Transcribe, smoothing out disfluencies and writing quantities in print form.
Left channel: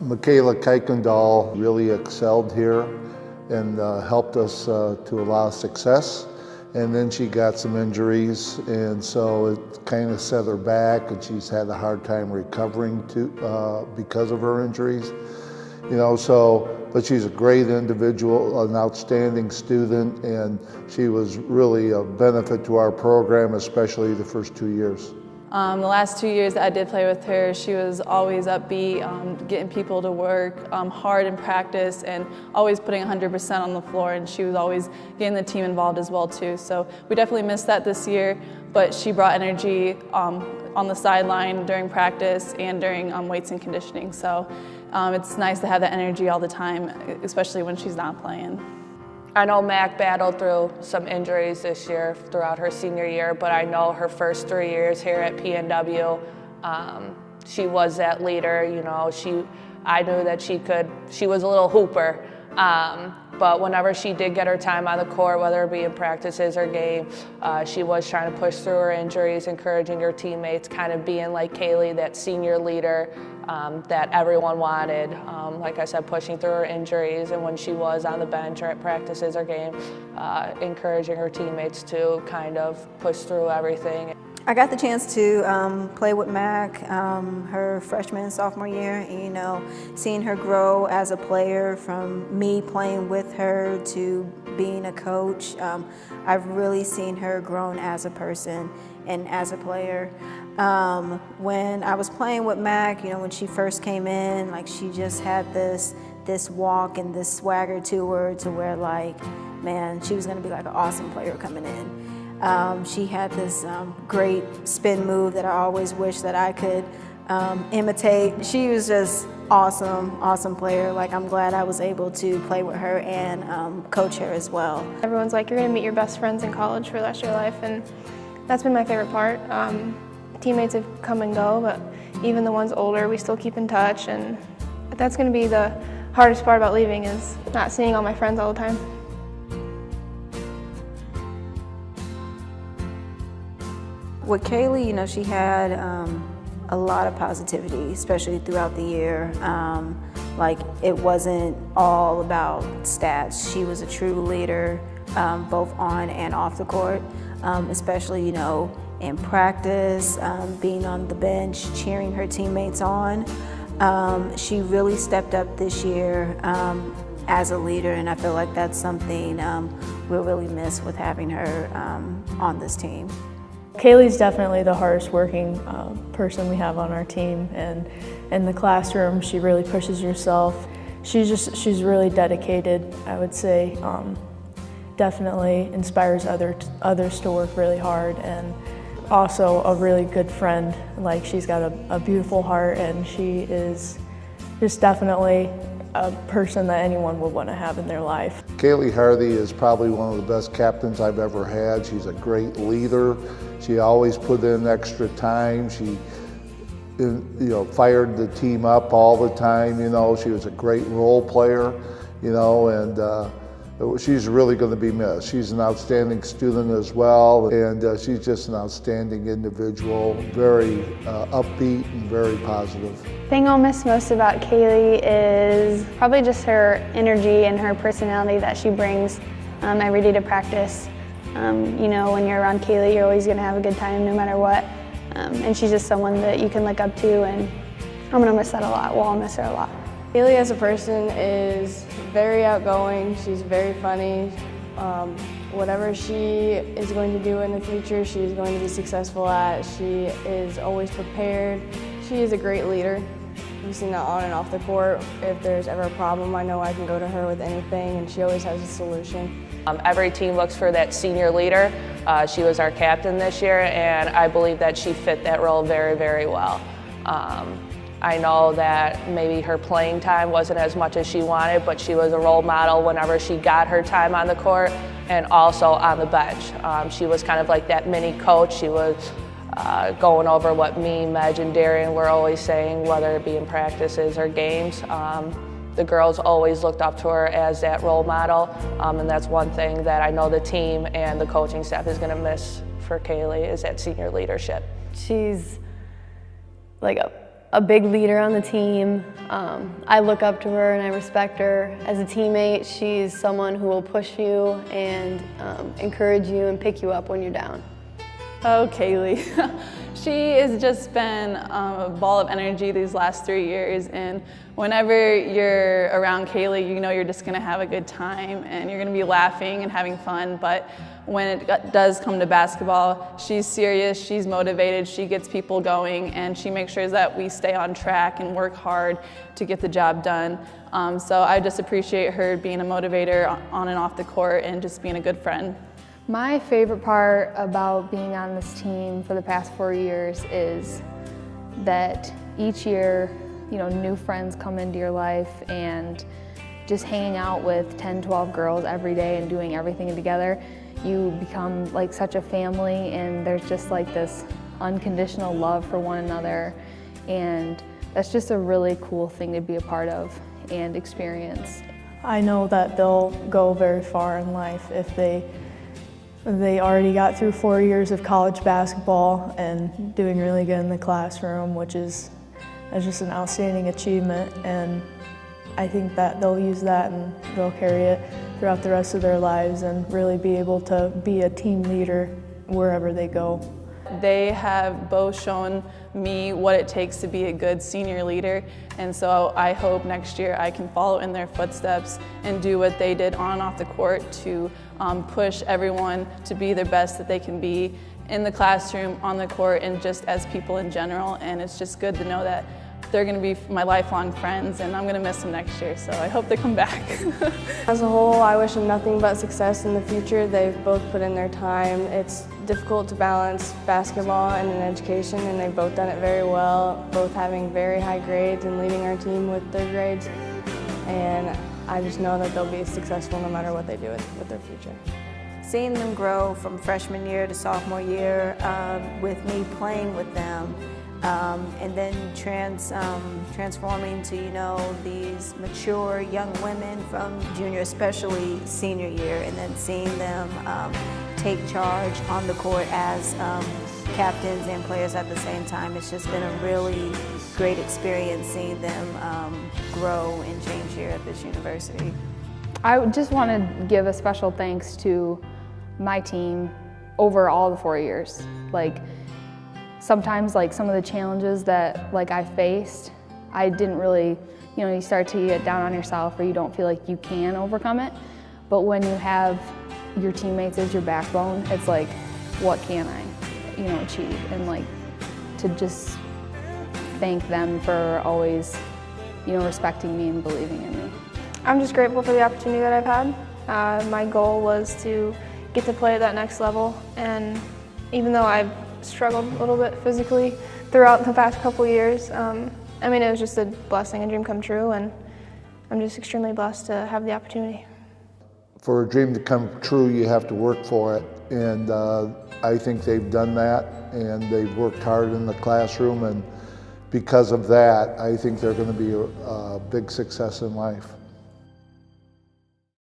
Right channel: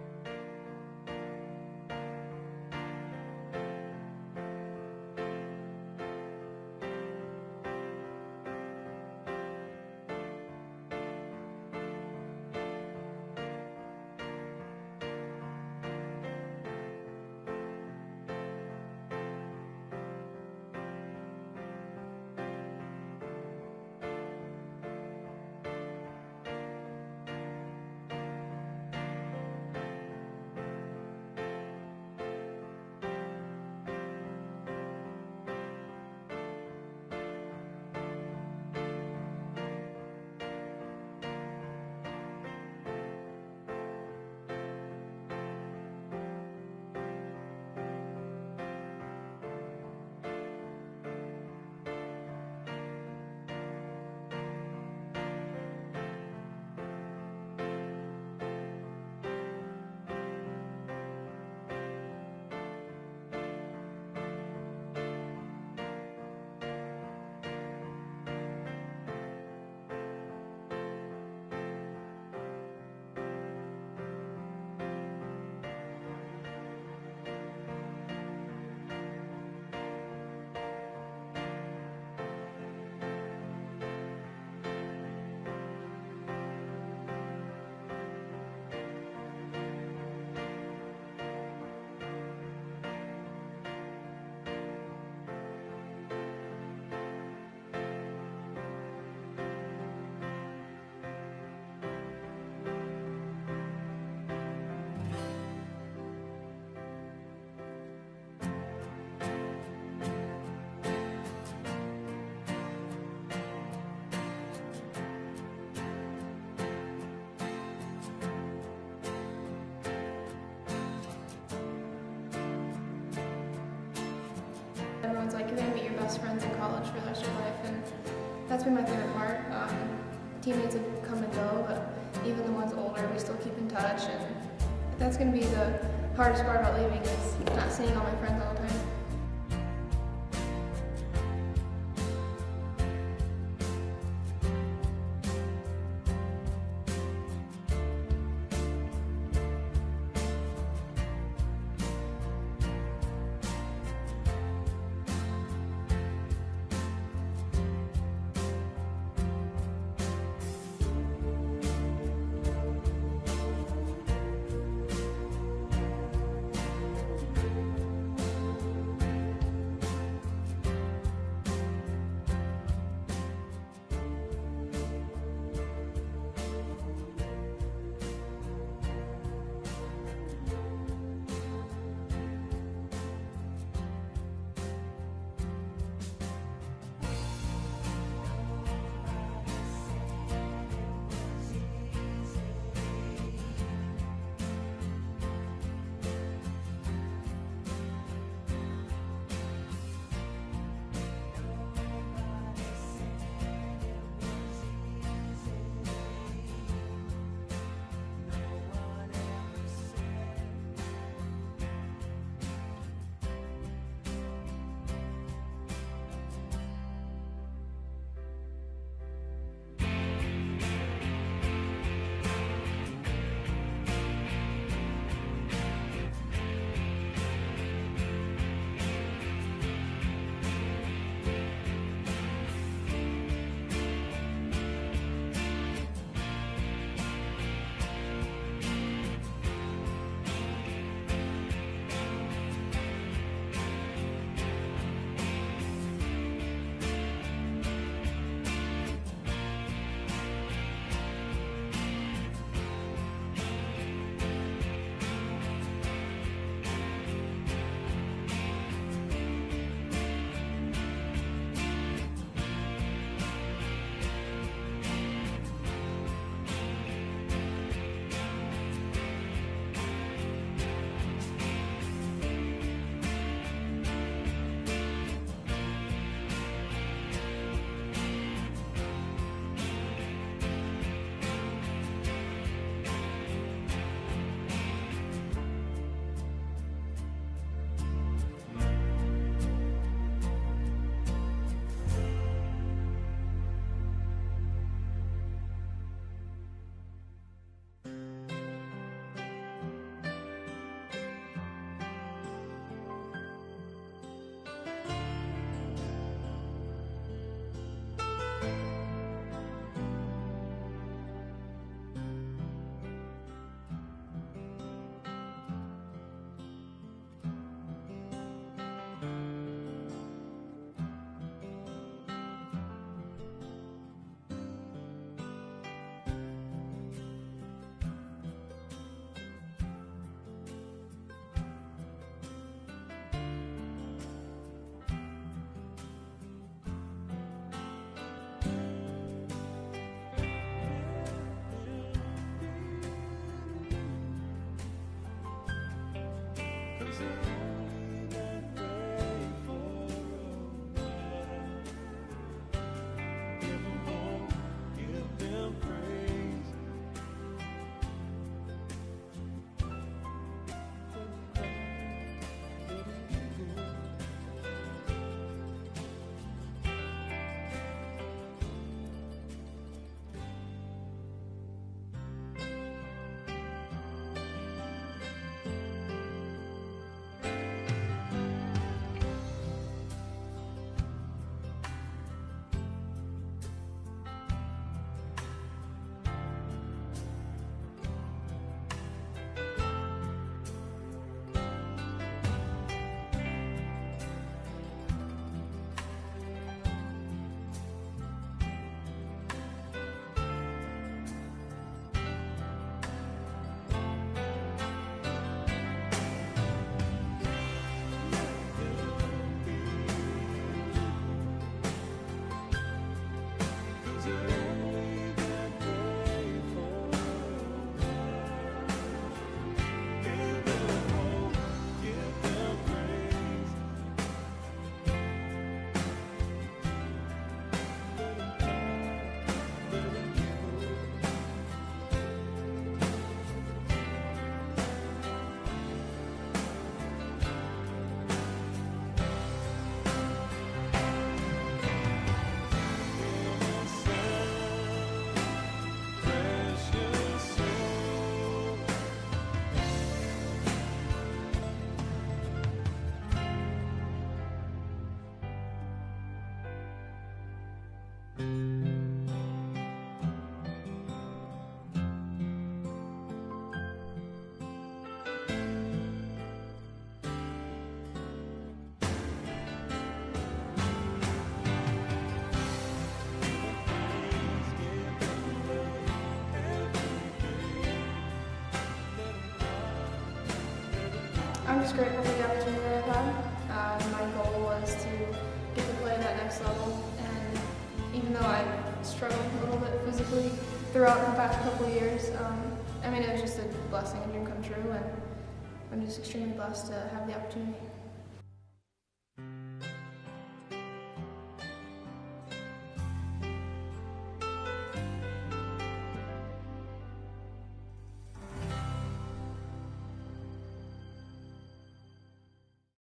Michaela Kuykendall really excelled here and helped us to a lot of success. And then she got some injuries, and so it kind of set her back, and she's had a hard time recovering because of her injuries. You know, so, but she's a great individual, an outstanding student, and she was really a benefit to our program, especially the first 2 years. The last 2 years that I did play with her, she was always upbeat, getting people to work hard in practice and always putting 100% on the floor, and she was always getting the team involved as well too. So we definitely missed that this year, but she brought energy on the sideline during practice and during weights and conditioning. So it's nice to have that energy all the time, especially when she's not playing. I know Mac battled through some injuries this year throughout her senior year, but I know her first 3 years here at PNW, she was that leader. You know, I knew that she was a little hooper, but whenever she did get her time on the court, whether it be in practices or game, she was trying to push through her injuries, encouraging her teammates, kind of being like Kaylee, that senior leader that everyone wanted. Like I said, pushing through her injuries, and when she was on the bench or at practices or game, encouraging her teammates to kind of push through everything. I got the chance to play with Mac her freshman and sophomore year, and you know, seeing her grow as a player from me playing with her to being a coach, I've really seen her grown as a person and as a player. When I was playing with Mac, you know, when she first came in, like she just had this walk and this swagger to her, to where like, man, she was gonna be like an awesome player coming in. She had this great spin move that I always wish that I could imitate. She was just awesome player. Like, I'm glad I was able to play with her and coach her as well. Everyone's like, you're gonna meet your best friends in college for the rest of your life, and that's been my favorite part. Teammates have come and go, but even the ones older, we still keep in touch, and that's gonna be the hardest part about leaving, is not seeing all my friends all the time. With Kaylee, you know, she had a lot of positivity, especially throughout the year. Like, it wasn't all about stats. She was a true leader, both on and off the court, especially, you know, in practice, being on the bench, cheering her teammates on. She really stepped up this year as a leader, and I feel like that's something we'll really miss with having her on this team. Kaylee's definitely the hardest working person we have on our team, and in the classroom she really pushes herself. She's really dedicated, I would say. Definitely inspires others to work really hard, and also a really good friend. Like, she's got a beautiful heart, and she is just definitely a person that anyone would want to have in their life. Kaylee Hardy is probably one of the best captains I've ever had. She's a great leader. She always put in extra time. She, you know, fired the team up all the time. You know, she was a great role player. You know, and she's really going to be missed. She's an outstanding student as well, and she's just an outstanding individual, very upbeat and very positive. The thing I'll miss most about Kaylee is probably just her energy and her personality that she brings every day to practice. You know, when you're around Kaylee, you're always going to have a good time no matter what. And she's just someone that you can look up to, and I'm going to miss that a lot. Well, I'll miss her a lot. Kaylee as a person is very outgoing. She's very funny. Whatever she is going to do in the future, she is going to be successful at. She is always prepared. She is a great leader. We've seen that on and off the court. If there's ever a problem, I know I can go to her with anything, and she always has a solution. Every team looks for that senior leader. She was our captain this year, and I believe that she fit that role very, very well. I know that maybe her playing time wasn't as much as she wanted, but she was a role model whenever she got her time on the court and also on the bench. She was kind of like that mini coach. She was going over what me, Meg, and Darian were always saying, whether it be in practices or games. The girls always looked up to her as that role model, and that's one thing that I know the team and the coaching staff is going to miss for Kaylee, is that senior leadership. She's like a big leader on the team. I look up to her and I respect her. As a teammate, she's someone who will push you and encourage you and pick you up when you're down. Oh, Kaylee. She has just been a ball of energy these last 3 years, and whenever you're around Kaylee, you know you're just gonna have a good time and you're gonna be laughing and having fun, but when it does come to basketball, she's serious, she's motivated, she gets people going, and she makes sure that we stay on track and work hard to get the job done. So I just appreciate her being a motivator on and off the court and just being a good friend. My favorite part about being on this team for the past 4 years is that each year, you know, new friends come into your life, and just hanging out with 10, 12 girls every day and doing everything together, you become like such a family, and there's just like this unconditional love for one another, and that's just a really cool thing to be a part of and experience. I know that they'll go very far in life if they already got through 4 years of college basketball and doing really good in the classroom, which is just an outstanding achievement, and I think that they'll use that and they'll carry it throughout the rest of their lives and really be able to be a team leader wherever they go. They have both shown me what it takes to be a good senior leader, and so I hope next year I can follow in their footsteps and do what they did on and off the court to push everyone to be their best that they can be in the classroom, on the court, and just as people in general. And it's just good to know that they're going to be my lifelong friends, and I'm going to miss them next year, so I hope they come back. As a whole, I wish them nothing but success in the future. They've both put in their time. It's difficult to balance basketball and an education, and they've both done it very well, both having very high grades and leading our team with their grades. And I just know that they'll be successful no matter what they do with their future. Seeing them grow from freshman year to sophomore year with me playing with them, and then transforming to, you know, these mature young women from junior, especially senior year, and then seeing them take charge on the court as captains and players at the same time. It's just been a really great experience seeing them grow and change here at this university. I just want to give a special thanks to my team over all the 4 years. Like, sometimes like some of the challenges that like I faced, I didn't really, you know, you start to get down on yourself or you don't feel like you can overcome it. But when you have your teammates as your backbone, it's like, what can I, you know, achieve? And like to just thank them for always, you know, respecting me and believing in me. I'm just grateful for the opportunity that I've had. My goal was to get to play at that next level, and even though I've struggled a little bit physically throughout the past couple of years, I mean, it was just a blessing, a dream come true, and I'm just extremely blessed to have the opportunity. For a dream to come true, you have to work for it, and I think they've done that, and they've worked hard in the classroom, and because of that, I think they're going to be a big success in life.